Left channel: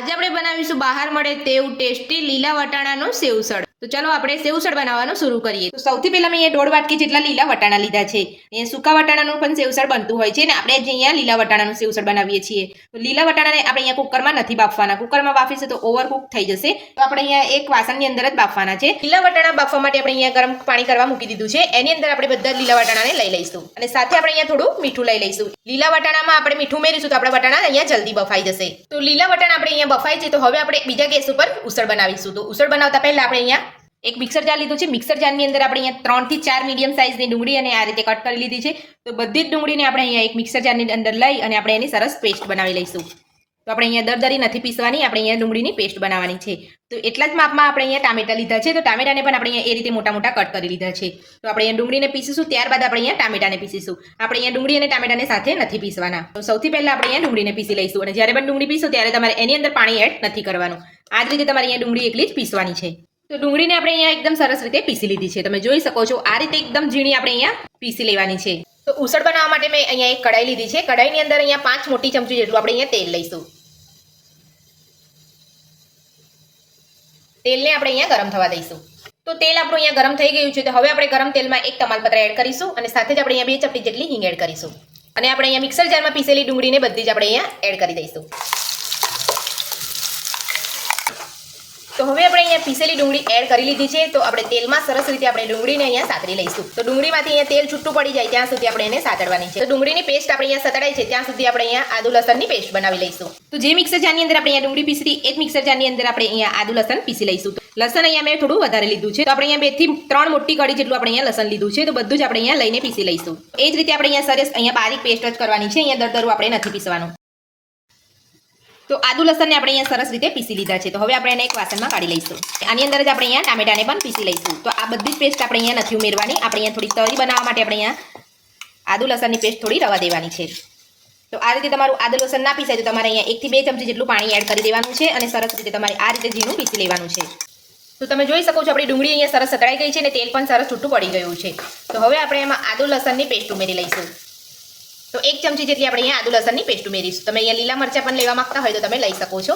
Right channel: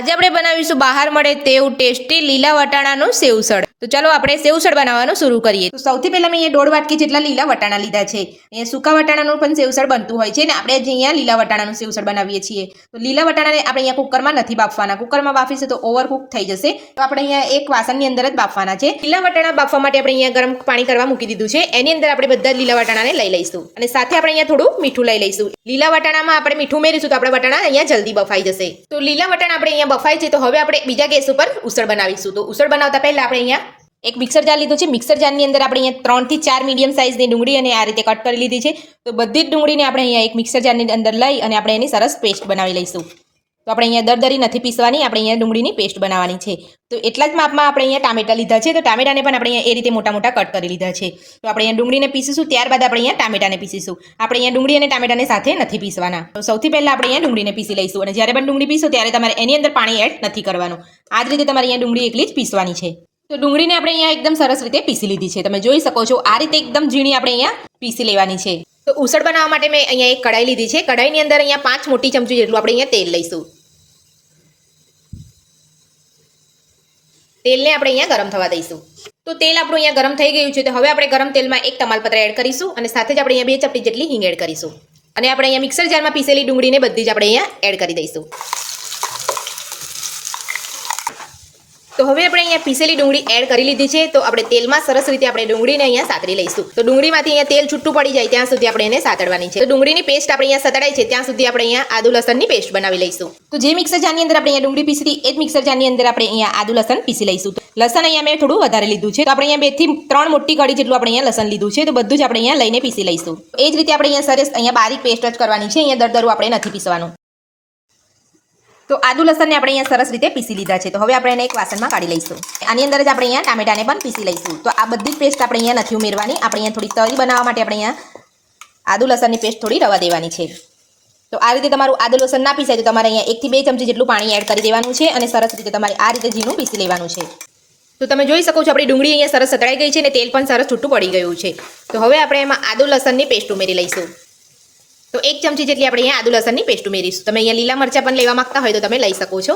આજે આપણે બનાવીશું બહાર મળે તેવું ટેસ્ટી લીલા વટાણાનું સેવસળ। તો ચાલો આપણે સેવસળ બનાવવાનું શરૂ કરીએ। તો સૌથી પહેલા મેં અહીંયા 1.5 વાટકી જેટલા લીલા વટાણા લીધા છે। અહીંયા સૂકા વટાણાનું પણ સેવસળ બનતું હોય છે ને આપણે જે અહીંયા લીલા વટાણાનું સેવસળ બનાવીએ છીએ। તો લીલા વટાણાને આપણે અહીંયા કુકરમાં નથી બાફવાના, કુકરમાં બાફીશું તો ઓવરકુક થઈ જશે। તો આપણે અહીંયા એક વાસણની અંદર જ બાફવાના છે। લીલા વટાણા બાફવા માટે આપણે અહીંયા ગરમ પાણી કરવા મૂકી દીધું છે। એની અંદર આપણે બધા લીલા વટાણાને લઈ લઈશું અને સાથે આપણે અહીંયા થોડું મીઠું લઈ લઈશું। લીલા વટાણામાં આપણે મીઠું ઉમેરીશું તો આપણે વટાણા અહીંયા જલ્દી બફાઈ જશે। તો લીલા વટાણા આપણે અહીંયા બફાય છે તો હવે આપણે બીજા ગેસ ઉપર ઉસળ બનાવીશું। તો ઉસળ બનાવતા પહેલા આપણે અહીંયા એક મિક્સર જાર લીધું છે। મિક્સર જારની અંદર આપણે અહીંયા 3 થી 4 મીડિયમ સાઇઝની ડુંગળી અને આ રીતે કટ કરી લીધી છે। તો બધી જ ડુંગળીને આપણે અહીંયા એક મિક્સર જારની અંદર લઈ અને આપણે એની સરસ પેસ્ટ બનાવી લઈશું। તો આપણે અહીંયા દરદરી નથી પીસવાની, આપણે અહીંયા ડુંગળીની પેસ્ટ બનાવવાની છે। તો એટલા જ માપમાં આપણે અહીંયા ટામેટા લીધા છે। તો ટામેટાને પણ આપણે અહીંયા એ રીતે મોટા મોટા કટ કરી લીધા છે। તો આપણે અહીંયા ડુંગળીને પીસીશું, ત્યારબાદ આપણે અહીંયા ટામેટાને પીસીશું। આપણે અહીંયા ડુંગળી અને ટામેટાને સાથે નથી પીસવાના। તો સૌથી પહેલા આપણે અહીંયા ડુંગળીને પીસી લઈશું અને જ્યારે પણ ડુંગળી પીસો ત્યારે તમારે એની અંદર પાણી એડ નથી કરવાનું। આ જ રીતે તમારે અહીંયા ડુંગળી એકલી જ પીસવાની છે। તો ડુંગળીને આપણે અહીંયા એકદમ સરસ રીતે પીસી લીધી છે। તમે જોઈ શકો છો આ રીતે એકદમ ઝીણી આપણે અહીંયા પીસી લેવાની છે। તો ઉસળ બનાવવા માટે મેં અહીંયા એક કઢાઈ લીધી છે। કઢાઈની અંદર અહીંયા 5 મોટી ચમચી જેટલું આપણે અહીંયા તેલ લઈશું। તેલને આપણે અહીંયા ગરમ થવા દઈશું। તો તેલ આપણું અહીંયા ગરમ થઈ ગયું છે। તો હવે આપણે ગરમ તેલમાં એક તમાલપત્ર એડ કરીશું અને સાથે જ આપણે અહીંયા 2 ચપટી જેટલી હિંગ એડ કરીશું અને આપણે અહીંયા મિક્સર જારમાં પીસેલી ડુંગળીને બધી જ આપણે અહીંયા એડ કરી દઈશું। તો હવે આપણે અહીંયા પીસેલી ડુંગળી એડ કરી લીધી છે। તો આપણે તેલમાં સરસ રીતે આપણે ડુંગળીને અહીંયા સાતળી લઈશું। તો ડુંગળીમાંથી અહીંયા તેલ છૂટું પડી જાય ત્યાં સુધી આપણે એને સાતળવાની છે। તો ડુંગળીની પેસ્ટ આપણે અહીંયા સતળાય છે ત્યાં સુધી આપણે અહીંયા આદુ લસણની પેસ્ટ બનાવી લઈશું। તો જે મિક્સર જારની અંદર આપણે અહીંયા ડુંગળી પીસી હતી એ જ મિક્સર જારની અંદર આપણે અહીંયા આદુ લસણ પીસી લઈશું। લસણ અહીંયા મેં થોડું વધારે લીધું છે। તો આપણે અહીંયા 2 થી 3 મોટી કળી જેટલું આપણે અહીંયા લસણ લીધું છે। તો બધું જ આપણે અહીંયા લઈને પીસી લઈશું। એ જ રીતે આપણે અહીંયા સરસ અહીંયા બારીક પેસ્ટ જ કરવાની છે। અહીંયા દરદરું આપણે નથી પીસવાનું। તો આદુ લસણને આપણે અહીંયા સરસ રીતે પીસી લીધા છે। તો હવે આપણે એને એક વાસણમાં કાઢી લઈશું। આની અંદર જ આપણે અહીંયા ટામેટાને પણ પીસી લઈશું। તો આ બધી જ પેસ્ટ આપણે અહીંયા નથી ઉમેરવાની, આપણે અહીંયા થોડી તરી બનાવવા માટે આપણે અહીંયા આદુ લસણની પેસ્ટ થોડી રવા દેવાની છે। તો આ રીતે તમારું આદુ લસણ ના પીસાય તો તમારે અહીંયા 1 થી 2 ચમચી જેટલું પાણી એડ કરી દેવાનું છે અને સરસ રીતે તમારે આ રીતે ઝીણું પીસી લેવાનું છે। તો તમે જોઈ શકો છો આપણી ડુંગળી અહીંયા સરસ સતળાઈ ગઈ છે અને તેલ પણ સરસ છૂટું પડી ગયું છે। તો હવે આપણે એમાં આદુ લસણની પેસ્ટ ઉમેરી લઈશું। તો 1 ચમચી જેટલી આપણે અહીંયા આદુ લસણની પેસ્ટ ઉમેરીશું। તમે અહીંયા લીલા મરચાં પણ લેવા માંગતા હોય તો તમે લઈ શકો છો।